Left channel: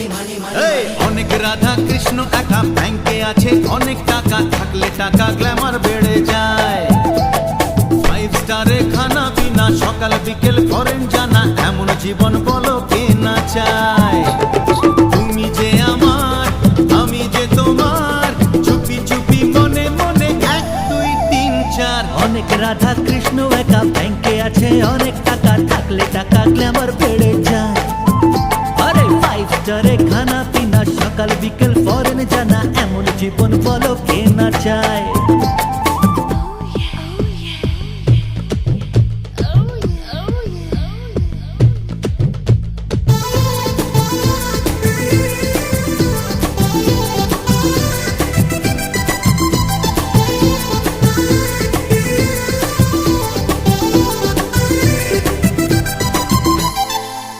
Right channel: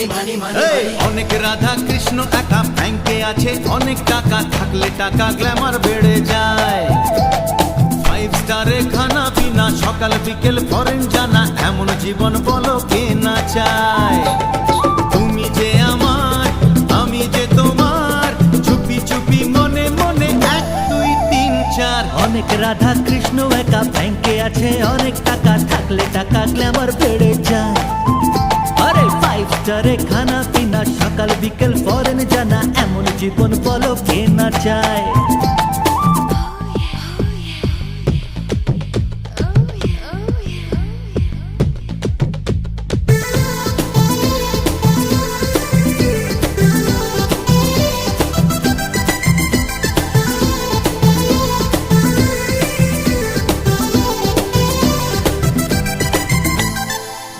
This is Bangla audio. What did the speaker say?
এই অনেক রাধা কৃষ্ণ একা ব্যাংকে আছে, অনেক টাকা থাকলে টাকা গ্ল্যামার বেড়ে যায়। 5 স্টারে খানা পিনা, সকাল বিকেল ফরেন জানা, এমন জীবন বলো কে না চায়। তুমি যে আমার, আমি যে তোমার, চুপি চুপি মনে মনে 1 2 3 4। অনেক রাধা কৃষ্ণ একা ব্যাংকে আছে, অনেক টাকা থাকলে টাকা গ্ল্যামার বেড়ে যায়। আরে 5 স্টারে খানা পিনা, সকাল বিকেল ফরেন জানা, এমন জীবন বলো কে না চায়।